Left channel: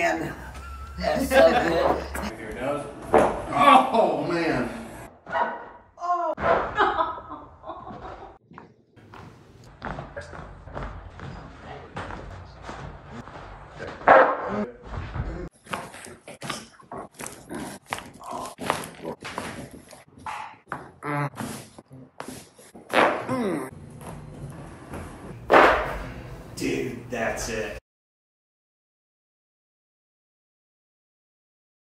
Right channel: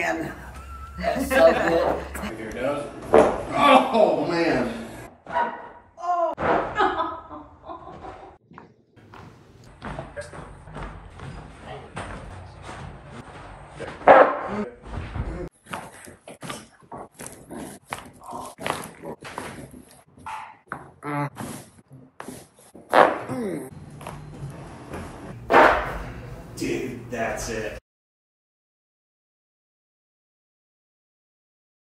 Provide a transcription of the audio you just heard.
man. That's so good. Here it goes. Oh, man. Dude, that's it.